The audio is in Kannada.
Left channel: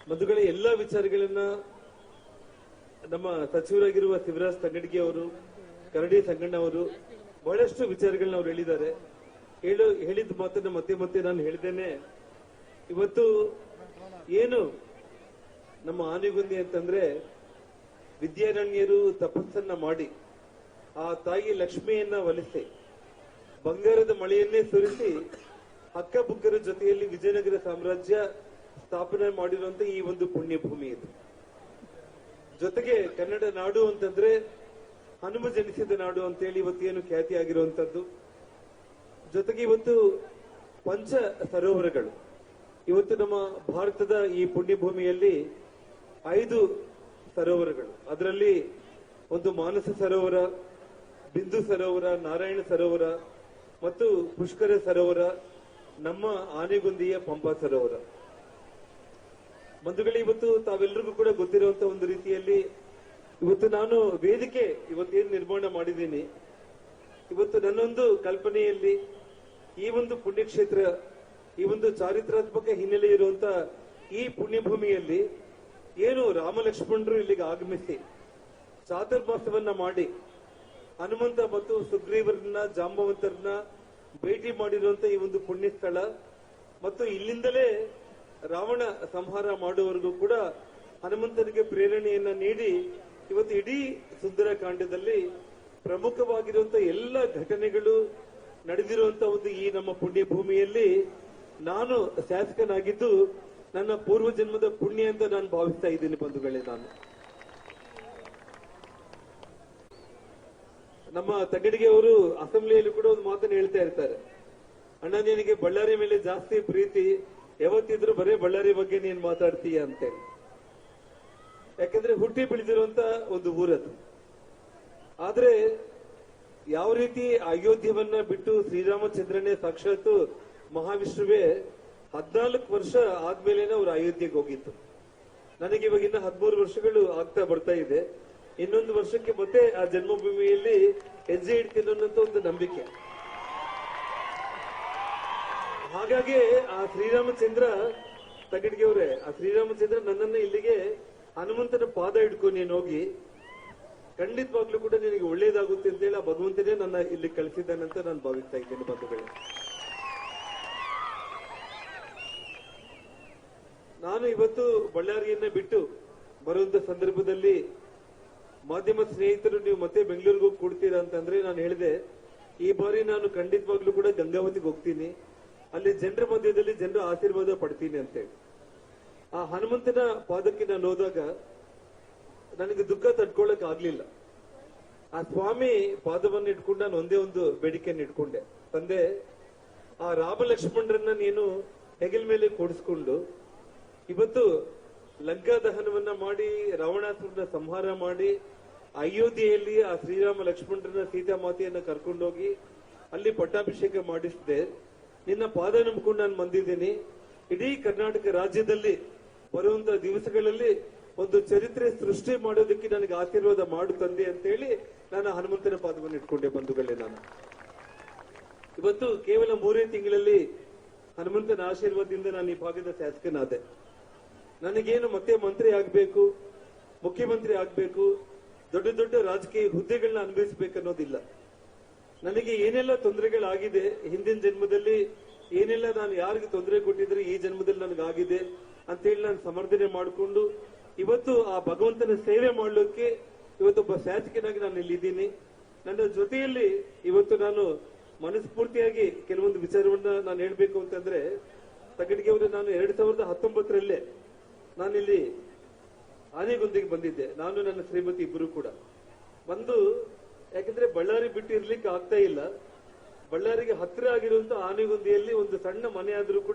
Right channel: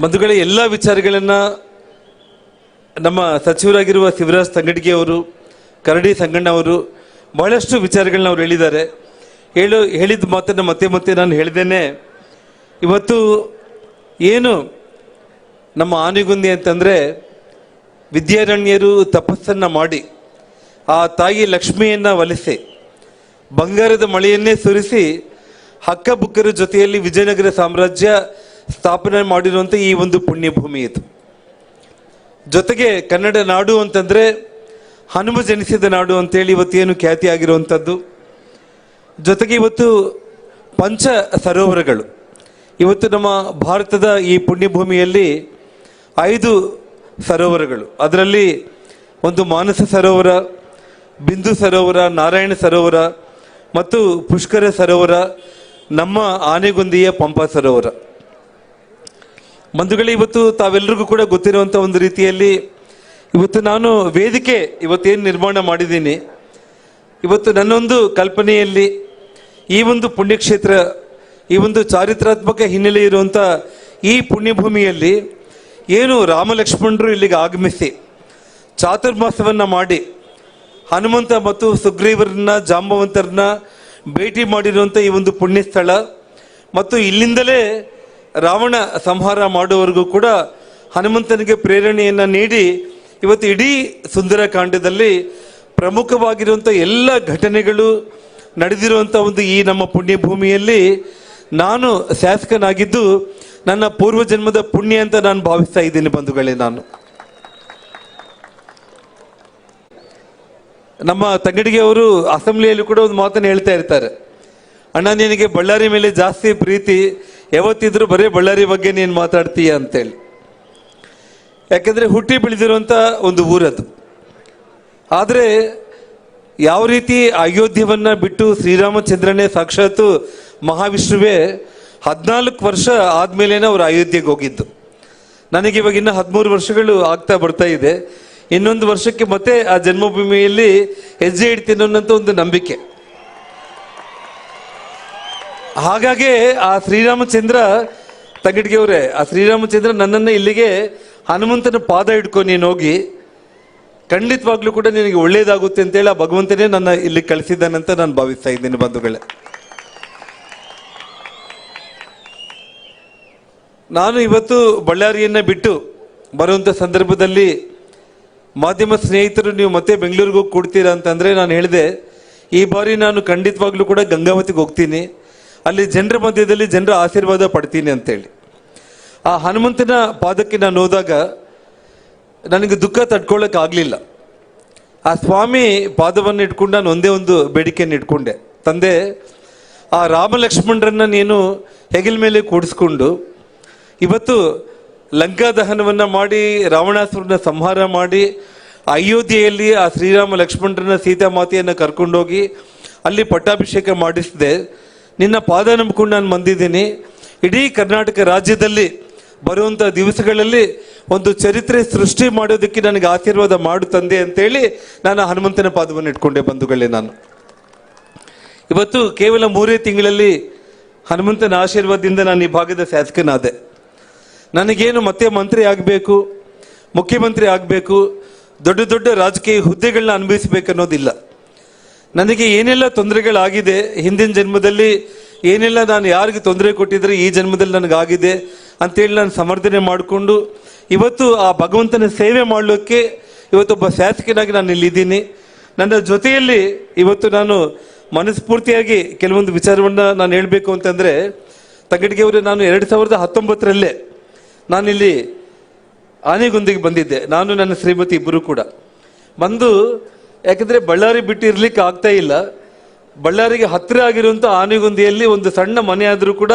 ಬಂಧುಗಳೇ, ಎಲ್ಲ ವಿಚಾರಗಳನ್ನು ನಮ್ಮ ಸಚಿವರಾಗಿರುವ ಶಿವರಾಜ್ ತಂಗಡಿಗೆ ಅವರು, ಕರಡಿ ಸಂಗಣ್ಣವರು ಬಹಳಷ್ಟು ವಿಚಾರಗಳನ್ನ ಅವ್ರು ಹೇಳಿದ್ದಾರೆ. ಹೇಳು, ಹೇಳಿದ ಮಾತನ್ನು ಮತ್ತೆ ಮತ್ತೆ ನಾನು ಹೇಳಿದ್ದೇನೆ ಇವತ್ತು ಏನು ನಮ್ಮ ಆನೆಗುಂದಿ ಅಂತಂದರೆ ವಿದ್ಯಾರಣ್ಯರು ತಪಸ್ಸನ್ನು ಮಾಡಿ, ಆ ತಾಯಿ ಲಕ್ಷ್ಮಿಯನ್ನು ಒಲಿಸಿ ಬಂಗಾರದ ಮಳೆಯನ್ನೇ ಸುರಿಸಿ, ಹಕ್ಕಬುಕ್ಕರ ಜೊತೆಯಲ್ಲಿ ವಿಜಯನಗರ ಸಾಮ್ರಾಜ್ಯ ಸ್ಥಾಪನೆ ಮಾಡಿರುವಂಥ ಈ ಒಂದು ಪುಣ್ಯಭೂಮಿ ಇದು. ಜೊತೆಗೆ ಕನ್ನಡ ನಾಡು ಅಂತಂದರೆ ಹನುಮ ಜನಿಸಿದ ನಾಡು ಅಂತೇಳಿ ಇವತ್ತೇನು ಖ್ಯಾತಿ ಆಗಿರುವಂಥದ್ದು ಜೊತೆಗೆ ಇವತ್ತು ಪಂಚ ಸರೋವರಗಳು. ಇವತ್ತು ನಮ್ಮ ಭಾರತದ ಈ ಪುಣ್ಯಭೂಮಿಯಲ್ಲಿ ಐದು ಸರೋವರಗಳು. ಅದರಲ್ಲಿ ಒಂದು ಮಾನಸ ಸರೋವರ, ಬಿಂದು ಸರೋವರ, ನಾರಾಯಣ ಸರೋವರ ಮತ್ತು ಪುಷ್ಕರ ಸರೋವರ, ನಮ್ಮ ಆನೆಗುಂದಿಯ ಪಂಪ ಸರೋವರ. ಬಂಧುಗಳೇ, ಇವತ್ತು ತಾವೆಲ್ಲರಿಗೂ ಕೂಡ ಗೊತ್ತಿರುವಂಥ ಒಂದು ರೀತಿಯಲ್ಲಿ ಇವತ್ತು ನಾನು ವೇದಿಕೆ ಇವತ್ತೇನು ನಿರ್ಮಾಣ ಮಾಡಿದ್ದೀನಿ. ಇವತ್ತು ನನ್ನೊಂದು ಕಲ್ಪನೆಯಲ್ಲಿ ಈ ಒಂದು ಪುಣ್ಯಕ್ಷೇತ್ರ, ಈ ಒಂದು ಚಾರಿತ್ರಾತ್ಮಕ ಹಿನ್ನೆಲೆ ಇರುವಂಥ ಈ ಪುಣ್ಯಭೂಮಿಯಲ್ಲಿ ಏನು ರಾಮಲಕ್ಷ್ಮಣರು ಇಲ್ಲಿಗೆ ಆಗಮಿಸಿ ಚಾತುರ್ಮಾಸವನ್ನು ಮಾಡಿ ಹನುಮಂತ ಮತ್ತು ಸುಗ್ರೀವರನ್ನ, ಜಾಂಬವಂತರನ್ನ ಭೇಟಿ ಮಾಡಿರುವಂಥ ಈ ಒಂದು ಪುಣ್ಯಸ್ಥಳ. ಮತ್ತು ಇಲ್ಲಿಂದಲೇ ರಾವಣ ಸಂಹಾರ ಮಾಡುವವರೆಗೂ ಕೂಡ ಹನುಮಂತನಿಗೆ ಪ್ರೇರಣೆಯನ್ನು ನೀಡಿ ಇವತ್ತು ಇಡೀ ಸುಂದರಕಾಂಡದಲ್ಲಿ ಪ್ರಮುಖವಾಗಿರುವಂಥ ಎಲ್ಲ ಘಟನೆಗಳು ನಡೆದಿರುವಂಥ ಒಂದು ಈ ನಮ್ಮ ಪುಣ್ಯಭೂಮಿಯಲ್ಲಿ ನಾನು ಶಾಸಕನಾಗಿದ್ದು ನನ್ನ ಪೂರ್ವಜನ್ಮದ ಪುಣ್ಯ ಅಂತ ನಾನು ಭಾವಿಸ್ತಾ ಇದ್ದೀನಿ ಬಂಧುಗಳೇ ನಾನು. ನಮ್ಮ ತಂಗಡಿಗೆ ಅವರು ಅಸೆಂಬ್ಲಿಯಲ್ಲಿ ಕೂಡ ಒಂದು ಮಾತನ್ನು ಹೇಳ್ತಾ ಇರ್ತಾರೆ. ಅಣ್ಣ ನಿನಗೆ ಬಳ್ಳಾರಿ ಮೇಲೆ ಜಾಸ್ತಿ ಪ್ರೀತಿ ಯಾವತ್ತಿದ್ರು ಬರೀ ಬಳ್ಳಾರಿ ಬಗ್ಗೆ ನೀನು ಮಾತಾಡ್ತೀಯ ಅಂತೇಳಿ. ಯಾಕೆಂದರೆ ಹುಟ್ಟಿ ಬೆಳೆದಿರುವಂಥ ಒಂದು ಊರದು. ಆದರೆ ಯಾವ ರೀತಿ ಅಯೋಧ್ಯವನ್ನು ಬಿಟ್ಟು ಶ್ರೀರಾಮಚಂದ್ರನೇ ಸಾಕ್ಷಾತ್ ಮಹಾವಿಷ್ಣುವೇ ಹದಿನಾಲ್ಕು ವರ್ಷ ಆದಮೇಲೇನೆ ಅವರು ಅಯೋಧ್ಯೆಗೆ ಹೋಗಿದ್ದು. ನನಗೆ ಇವಾಗ ಇನ್ನು ಹದಿಮೂರು ವರ್ಷಗಳು ಆಗ್ತಾ ಬರ್ತಾ ಇದೆ. ಇನ್ನೊಂದು ವರ್ಷಕ್ಕೆ ಮತ್ತೆ ಆ ಜನ್ಮಭೂಮಿಯಲ್ಲಿ ಹೆಜ್ಜೆ ಇಡ್ತೀನಿ ಅನ್ನೋಂಥ ಒಂದು ನಂಬಿಕೆ. ಹಾಗಾಗಿ ಆ ಶ್ರೀರಾಮಚಂದ್ರ ತಗಡಿಗೆ ಅವರೇ ಆ ಶ್ರೀರಾಮಚಂದ್ರ ನನ್ನನ್ನು ಇಲ್ಲಿಗೆ ಹನುಮಂತನ ಪಾದ ಹಿಡ್ಕೊ ನೀನು ಹೋಗಿ. ಖಂಡಿತವಾಗ್ಲೂ ಕೂಡ ನಿನಗೆ ಒಳ್ಳೇದಾಗುತ್ತೆ ಅಂತೇಳಿ ಆ ಭಗವಂತನೇ ನನ್ನ ಇಲ್ಲಿ ಕಳಿಸಿದ್ದಾನಂತ ನಾನು ಭಾವಿಸ್ತಾ ಇದ್ದೀನಿ ಬಂಧುಗಳೇ. ನಾನು ಇವತ್ತು ಬಳ್ಳಾರಿಯನ್ನ ಬಿಟ್ಟು ಬರುವಂಥ ಸಂದರ್ಭದಲ್ಲಿ ಮಾಧ್ಯಮ ಸ್ನೇಹಿತರು ನೀವು ಮತ್ತೆ ಬೆಂಗಳೂರಿಗೆ ಹೋಗಿ ಕೊಡ್ತೀರಾ ಅಂತಂದ್ರೆ ನಾನು ಹೇಳಿದೆ, ಈ ಬಾರಿ ನಾನು ಖಂಡಿತವಾಗ್ಲೂ ಕೂಡ ಗಂಗಾವತಿಗೆ ಹೋಗ್ತೀನಿ. ಅಲ್ಲಿ ಜನರ ಮಧ್ಯದಲ್ಲಿ ಜನರ ಆಶೀರ್ವಾದ ಪಡ್ತೀನಿ ಅಂತೇಳಿ. ಆ ಹನುಮಂತನ ಪಾದಕ್ಕೆ ನಾನು ಹೋದಾಗ ನನಗೆ ದುಃಖ ತಡ್ಕೊಳ್ಳೋಕೆ ಆಗಲಿಲ್ಲ. ಆ ಸ್ವಾಮಿ ಪಾದವನ್ನು ಇಟ್ಕೊಂಡು ನಾನು ಒಂದೇ ಒಂದು ಬೇಡಿಕೆಯನ್ನು ಇಟ್ಕೊಂಡೆ. ತಂದೆ, ಆ ರಾಮ ಲಕ್ಷ್ಮಣರನ್ನ ನೀನು ಹೆಗಲ ಮೇಲೆ ಕೂಡಿಸ್ಕೊಂಡು ಇವತ್ತು ಲಂಕಾ ದಹನವನ್ನು ಮಾಡಿ, ರಾವಣಾಸುರನ ಸಂಹಾರ ಮಾಡಿ, ಅಯೋಧ್ಯೆಯಲ್ಲಿ ಆ ಶ್ರೀರಾಮ ಲಕ್ಷ್ಮಣರನ್ನ ಸೀತಾಮಾತೆಯನ್ನು ಕರ್ಕೊಂಡೋಗಿ ಅಲ್ಲಿ ಪಟ್ಟಾಭಿಷೇಕ ಮಾಡಿಸಿದೆ. ನಿನ್ನ ಪಾದ ನಂಬಿಕೊಂಡು ನಾನು ಬಂದಿದ್ದೀನಿ. ಇಡೀ ಕರ್ನಾಟಕ ರಾಜ್ಯದಲ್ಲಿ ಬರುವಂಥ ದಿವಸಗಳಲ್ಲಿ ಒಂದು ಚರಿತ್ರೆ ಸೃಷ್ಟಿ ಮಾಡೋದಕ್ಕೆ ನನಗೆ ಆಶೀರ್ವಾದ ಮಾಡು ತಂದೆ ಅಂತೇಳಿ ನಾನು ಹನುಮಂತನ ಪಾದವನ್ನು ಇಟ್ಕೊಂಡೆ ಬಂಧುಗಳೇ ನಾನು. ಇವತ್ತು ಕೇವಲ ಮೂರೇ ತಿಂಗಳಲ್ಲಿ ಹನುಮಂತನ ಆಶೀರ್ವಾದದಿಂದ ನಾನು ಈ ಭಾಗದ ಶಾಸಕನಾದೆ. ನನಗೇನು ಮತ್ತೆ ಮಂತ್ರಿ ಆಗಬೇಕು, ಮುಖ್ಯಮಂತ್ರಿ ಆಗಬೇಕು, ದೊಡ್ಡ ದೊಡ್ಡ ರಾಜಕೀಯ ಹುದ್ದೆಗಳನ್ನ ಅನುಭವಿಸ್ಬೇಕು ಅನ್ನೋದಿಲ್ಲ. ನನಗೆ ಏನೆಲ್ಲ ತೊಂದರೆಗಳಾಗಿದೆ ಹಿಂದಿನ ಜನ್ಮದಲ್ಲಿ, ಏನೆಲ್ಲ ನಾನು ಯಾರಿಗೆ ತೊಂದರೆ ಕೊಟ್ಟಿದ್ರೆ ಈ ಜನ್ಮದಲ್ಲಿ ನನಗಾಗಿದೆ ಅಂತೇಳಿ ನಾನು ಸಮರ್ಥನೆ ಮಾಡಿಕೊಂಡು, ಇವತ್ತು ಆ ಭಗವಂತನ ಸೇವೆ ಮಾಡಲಿಕ್ಕೆ ಇವತ್ತೊಬ್ಬ ಶಾಸಕನಾಗಿ ನಾನು ಇಲ್ಲಿದ್ದೀನಿ ನನ್ನ ಜೊತೆಯಲ್ಲಿ ಇವತ್ತು ನಾನು ಮನಸ್ಫೂರ್ತಿಯಾಗಿ ಕೆಲವೊಂದು ವಿಚಾರವನ್ನು ನಾನು ಹೇಳಬೇಕು ಅಂತಂದರೆ, ತಗಡಿಗೆ ಅವರು ನಾನು ಎರಡು ಸಾವಿರದ ಹತ್ತೊಂಬತ್ತರಲ್ಲೇ ನಾನಿಲ್ಲಿ ಆನೆಗುಂದಿಗೆ ಬಂದಿದ್ದೆ. ನಾನು ನನ್ನ ಶ್ರೀಮತಿ ಇಬ್ಬರು ಕೂಡ. ಬಂದು ಯಾಕಂದ್ರೆ ಬಳ್ಳಾರಿ ಬಿಟ್ಟಿರ್ಲಿಕ್ಕೆ ಆಗ್ತಾ ಇಲ್ಲ. ಬಳ್ಳಾರಿಗೆ ಹತ್ತಿರ ಆಗಿರುವಂಥ ಆನೆಗುಂದಿಯಲ್ಲಿ ಒಂದು ಸಣ್ಣ ಮನೆ ಆದರೂ ಕೂಡ